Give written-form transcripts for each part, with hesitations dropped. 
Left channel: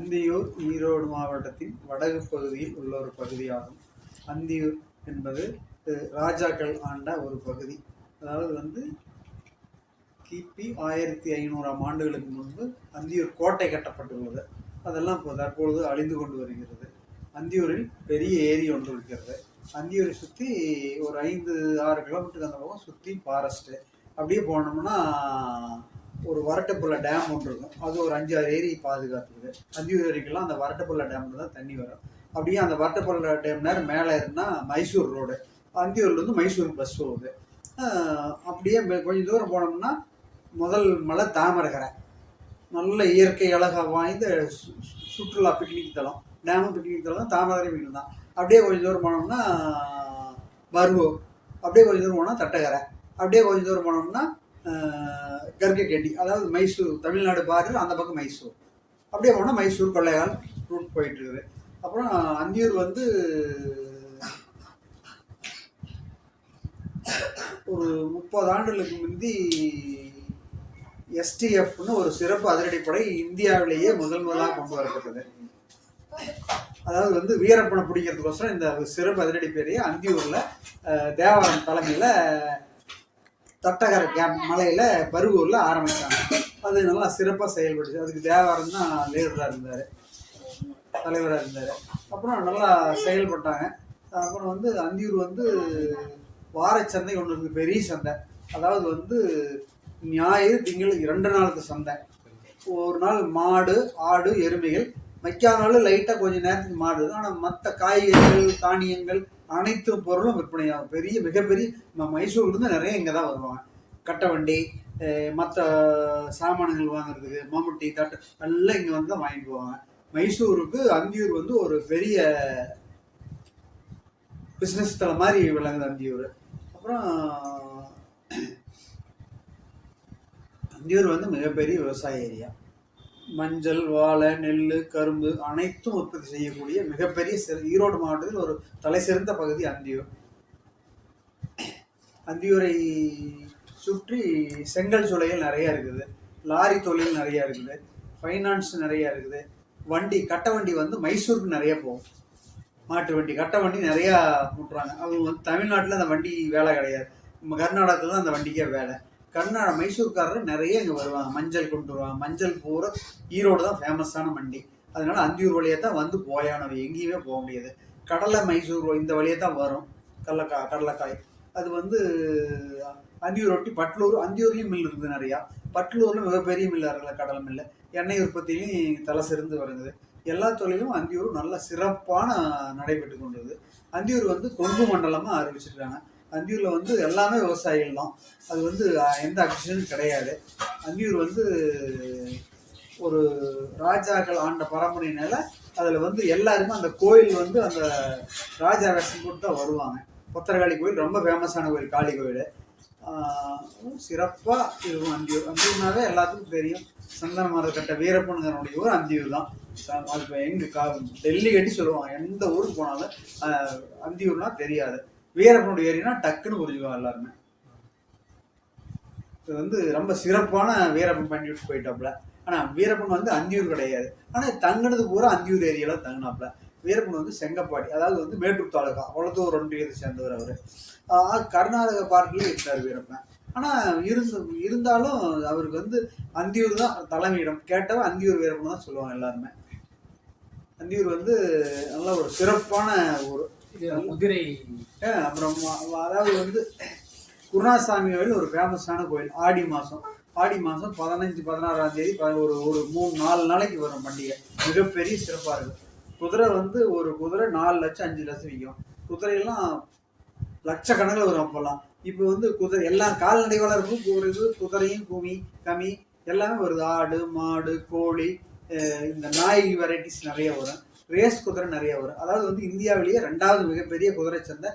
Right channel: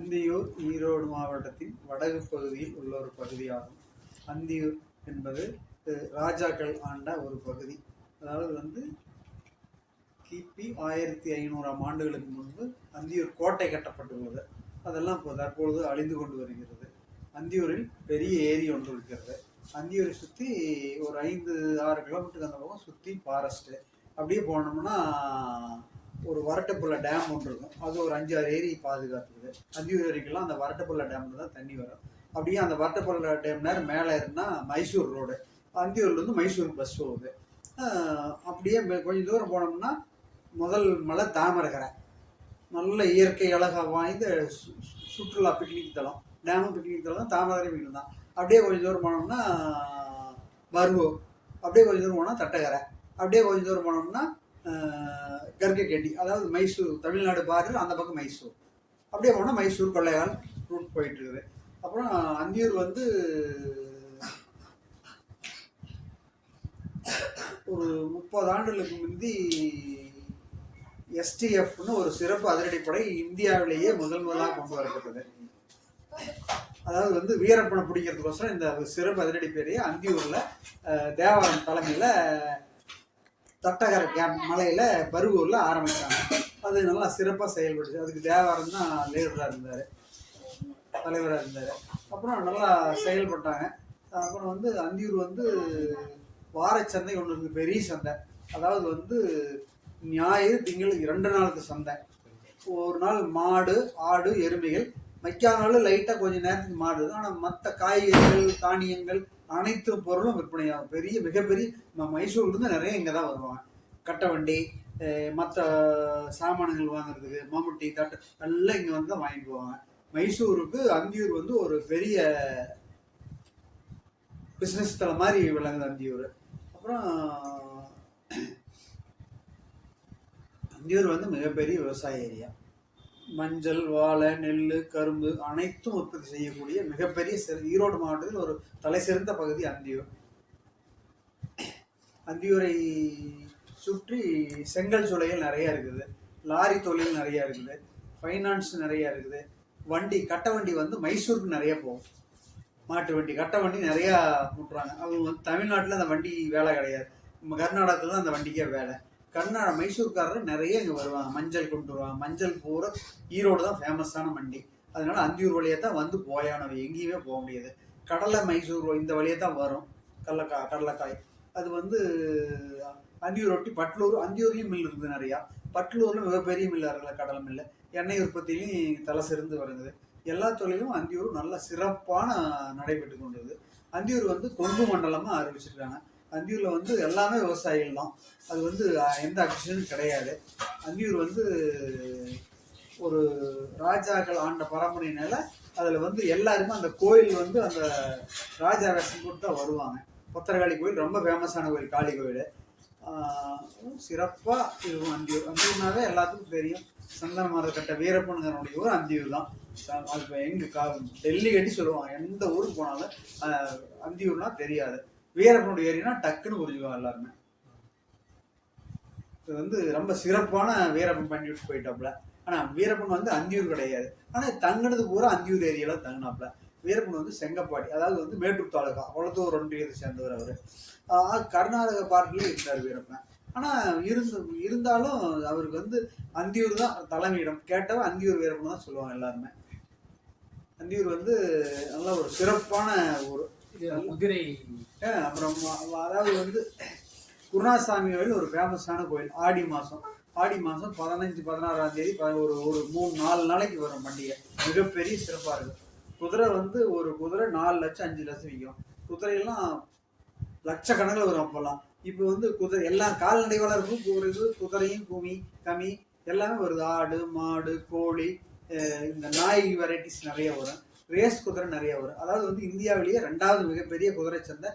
அந்தியூர் ஈரோடு மாவட்டத்தின் வடக்கு பகுதியில் உள்ள ஒரு பகுதியாகும். அந்தியூர் என்பது ராஜாக்கள் ஆண்ட ஒரு பகுதி. அதாவது கிபி 1500ஆம் ஆண்டுகளுக்கு முன்பு அந்தியூர் கோட்டை கட்டப்பட்டுள்ளது. அதெல்லாம் இப்போ தற்பொழுது அழிந்து கொண்டு வருகிறது. அந்தியூரில் பெரிய ஏரி ஒன்று இருக்கிறது. அந்தியூரை சுற்றி ஒரு 5-6 கிலோமீட்டருக்கு அந்த பக்கம் சுற்றி ஃபாரஸ்ட்டு. அப்படியே போனோம்னா ஒரு வரட்டுப்புள்ள டேம் ஒன்று இருக்கும். அது ஒரு 5-6 ஏரி பாதுகாத்துக்குது. அந்தியூர் ஏரிக்கெல்லாம் அந்த வரட்டுப்புள்ள டேமில் தான் தண்ணி வரும். அப்படியே அந்த வரட்டுப்புள்ள டேம் நேரம் மேலே இருந்தால் மைசூர் ரோடு. அந்தியூர்லேருந்து மைசூர் பஸ் போகுது. அப்படியே கொஞ்சம் தூரம் போனோம்னா முதல் மலை தாமரகரை. நல்ல இயற்கை அழகாக வாய்ந்த சுற்றுலா பிக்னிக் தலம். டேமும் பிக்னிக் தலம், தாமரை பிக்னிக் தான். அப்படியே கொஞ்சம் தூரம் போனோம்னா பருவூர். அப்படியே கொஞ்சம் தூரம் போனால் தட்டகரை. அப்படியே கொஞ்சம் தூரம் போனோம்னா கர்கேட்டி, அதாவது மைசூர், தமிழ்நாடு பார்டர் அந்த பக்கம் மைசூர். அப்படியே போனால் மைசூர் கொள்ளையால் ரூட் போயிட்டு இருக்குது. அப்புறம் அந்தியூர் ஒரு 30 ஆண்டுகளுக்கு முந்தி STFன்னு ஒரு சிறப்பு அதிரடிப்படை இந்தியாவிலேயே முதலாக கொண்டு வரப்பட்டது. அதாவது வீரப்பனை பிடிக்கிறதுக்கோசரம் இந்த சிறப்பு அதிரடிப்படையை அந்தியூரில் தேவாரம் தலைமையில் தட்டகரை கேம்ப் மலையில் பருவூரில் ஆரம்பித்தாங்க. அது நல்லா சிறப்பாக செயல்படுச்சு. அதுக்கு தேவாரம் தான் லீடராக இருந்தார், தலைவராக இருந்தார். அப்புறம் நல்லா செயல்பட்டாங்க. அப்புறம் அந்தியூர் வாரச்சந்தை ஒன்று இருக்குது, பெரிய சந்தை. அதாவது ஞாயிறு திங்கள் 2 நாளுக்கு சந்தை. ஒரு நாள் மாடு, ஆடு, எருமைகள். வைக்காத நாள் லைட்டாக கொஞ்சம் நேரத்துக்கு மாடு. ஆனால் மற்ற காய்கறிகள், தானியங்கள் அனைத்து பொருளும் விற்பனையாகும். மிகப்பெரிய மைசூர்லேருந்து நிறைய இங்கே தான் வருவாங்க. கட்டை வண்டி, மற்ற சாமான்கள் வாங்குறதுக்கு, மம்முட்டி, தட்டு எல்லாம் இங்கே வந்து தான் வாங்கிட்டு போவாங்க. மைசூருக்கு அந்தியூர் ஒரு பெரிய பிஸ்னஸ் தலம் மாதிரி விளங்குது அந்தியூர். அப்புறம் அந்தியூர் மிகப்பெரிய விவசாய ஏரியா. மஞ்சள், வாழை, நெல், கரும்பு அனைத்தும் உற்பத்தி செய்யக்கூடிய மிகப்பெரிய ஈரோடு மாவட்டத்தில் ஒரு தலை சிறந்த பகுதி அந்தியூர். அந்தியூரை சுற்றி செங்கல் சூளைகள் நிறைய இருக்குது, லாரி தொழில் நிறைய இருக்குது, ஃபைனான்ஸ் நிறைய இருக்குது. கட்டை வண்டி மைசூருக்கு நிறைய போகும். மாட்டு வண்டி, கட்டை வண்டி நிறையா முட்டுறாங்க. அவங்க தமிழ்நாட்டில் அந்த வண்டி வேலை கிடையாது. நம்ம கர்நாடகத்தில் தான் அந்த வண்டிக்கே வேலை. மைசூர்காரர் நிறைய இங்கே வருவாங்க. மஞ்சள் கொண்டு வருவாங்க. மஞ்சள் பூரா ஈரோடு தான் ஃபேமஸான மண்டி. அதனால அந்தியூர் வழியாக தான் போயானவை, எங்கேயுமே போக முடியாது. கடலை மைசூர் இந்த வழியாக தான் வரும். கடலைக்காய் அது அந்தியூர் ஒட்டி பட்லூர், அந்தியூர்லேயும் மில் இருக்குது நிறையா. பட்லூரில் மிகப்பெரிய மில்லார்கள், கடலை மில்லு. எண்ணெய் உற்பத்தியிலையும் தலை சிறந்து வருது. எல்லா தொழிலும் அந்தியூர் நல்ல சிறப்பான நடைபெற்று கொண்டது. அந்தியூர் கொங்கு மண்டலமாக அறிவிச்சிருக்காங்க. அந்தியூரில் எல்லாமே விவசாயிகள் தான். அது எந்த அக்ஷனும் கிடையாது. அந்தியூர் ஒரு ராஜாக்கள் ஆண்ட பரம்பரையினால அதில் எல்லாருமே அந்த கோயில் அந்த ராஜா வேஷம் போட்டு தான் வருவாங்க. பொத்தரகாளி கோயில் ரொம்ப ஃபேமஸான கோயில், காளி கோயில். சிறப்பாக இருக்கும் அந்தியூர். அந்தியூர்னாவே எல்லாத்துக்கும் தெரியும். சந்தன மரம் கட்ட வீரப்பனுடைய ஊர் அந்தியூர் தான். அது டெல்லி கட்டி சொல்லுவாங்க. எந்த ஊருக்கு போனாலும் அந்தியூர்னா தெரியாது. வீரப்பனுடைய ஏரினா டக்குன்னு புரிஞ்சுக்குவாங்க எல்லாருமே. இது ரொம்ப சிறப்பான வீரப்பன் பண்ணிட்டு போயிட்டாப்புல. ஆனால் வீரப்பன் அந்தியூர் கிடையாது. ஆனால் தங்கினது பூரா அந்தியூர் ஏரியாவில் தங்கினாப்புல. வீரப்பன் செங்கப்பாடி, அதாவது மேட்டூர் தாலுகா, அவ்வளோத்தூர் ஒன்றியத்தை சேர்ந்தவர். அவர் கர்நாடக பார்ட்டிலே இருக்கார் வீரப்பன். ஆனால் இருந்தாலும் அவருக்கு அந்தியூர் தான் தலைமையிடம். கேட்டவன் அந்தியூர் வீரப்பன் தான் சொல்லுவாங்க எல்லாருமே. அந்தியூர் நல்ல ஒரு சிறப்பான ஒரு குதிரை. அப்புறம் அதாவது குருணாசாமி கோயில் ஒரு ஃபேமஸான கோயில். ஆடி மாதம் 15-16ஆம் தேதி ஒரு 3-4 நாளைக்கு வரும் பண்டிகை. மிகப்பெரிய சிறப்பாக இருக்குது. குதிரை ஒரு குதிரை 4 லட்சம் 5 லட்சம் விற்கும். குதிரையெல்லாம் லட்சக்கணக்கில் வரும். அப்போல்லாம் இப்போ குதிரை எல்லாம் கால்நடை வளர்ப்பும் போகிறது. குதிரையும் கமி எல்லாமே வருது. ஆடு, மாடு, கோழி, இந்த நாய் வெரைட்டிஸ் நிறைய வரும். ரேஸ் குதிரை நிறைய வரும். அதாவது இந்தியாவிலேயே 2வது மிகப்பெரிய குதிரை சந்தை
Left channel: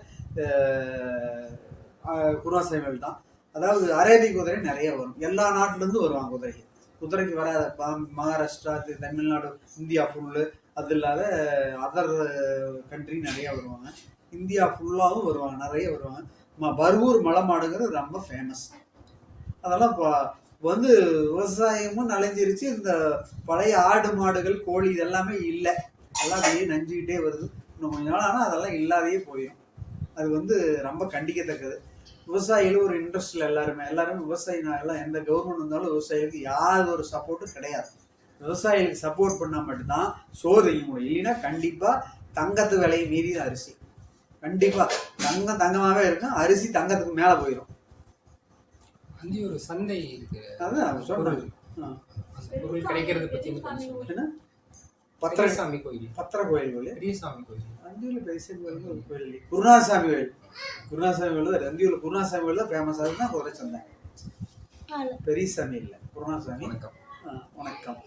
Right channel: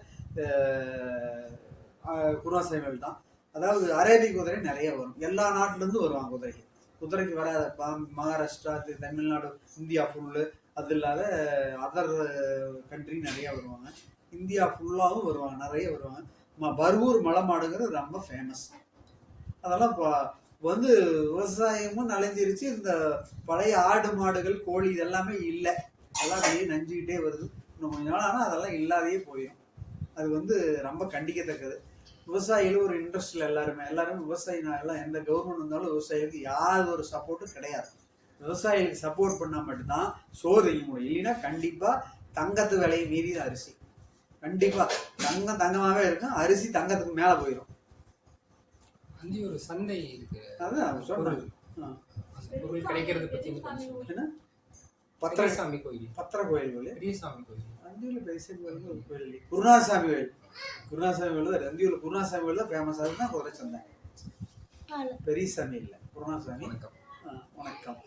குருணாசாமி தான். அதாவது அரேபிய குதிரை நிறைய வரும். எல்லா நாட்டிலேருந்து வருவாங்க குதிரைக்கு வராத மகாராஷ்டிரா, தமிழ்நாடு, இந்தியா ஃபுல்லு, அது இல்லாத அதர் கண்ட்ரி நிறையா வருவாங்க. இந்தியா ஃபுல்லாகவும் வருவாங்க, நிறைய வருவாங்க. பர்வூர் மலை மாடுங்கிறது ரொம்ப ஃபேமஸ். அதெல்லாம் இப்போ வந்து விவசாயமும் நனைஞ்சிருச்சு. இந்த பழைய ஆடு மாடுகள் கோழி இதெல்லாமே இல்லை, எல்லாம் அப்படியே நஞ்சுக்கிட்டே வருது. இன்னும் கொஞ்ச நாள் ஆனால் அதெல்லாம் இல்லாதையே போயிடும். அது வந்து ரொம்ப கண்டிக்கத்தக்கது. விவசாயிகள் ஒரு இன்ட்ரெஸ்டில் எல்லாருமே விவசாயி எல்லாம் எந்த கவர்மெண்ட் வந்தாலும் விவசாயிகளுக்கு யார் ஒரு சப்போர்ட்டும் கிடையாது. விவசாயிகளுக்கு சப்போர்ட் பண்ணால் மட்டும்தான் சோறு செய்ய முடியும். இல்லைன்னா கண்டிப்பாக தங்கத்து விலையை மீறி அரிசி கண்டிப்பாக தங்கமாகவே இருக்கும், அரிசி தங்கத்துக்கு மேலே போயிடும். ஒரு சந்தை இருக்கு, அதான் சொல்றது. பொருள் கிடைக்கிறது பற்றி என்ன பத்திரசாமி கோயில், பத்திர கோயில், பெரியசாமி கோயில், அந்தியூர் பெரியசாமி கோயில் ஒரு கோயில், குருநாசாமி கோயில். குருநாசாமி கோயில் அந்தியூர் குருநாசாமி கோயில் தான் ஃபேமஸ். அதுதான் குதிரை சந்தை. பெரியசாமி இல்லை, குருநாசாமி. வணக்கம். வணக்கம்.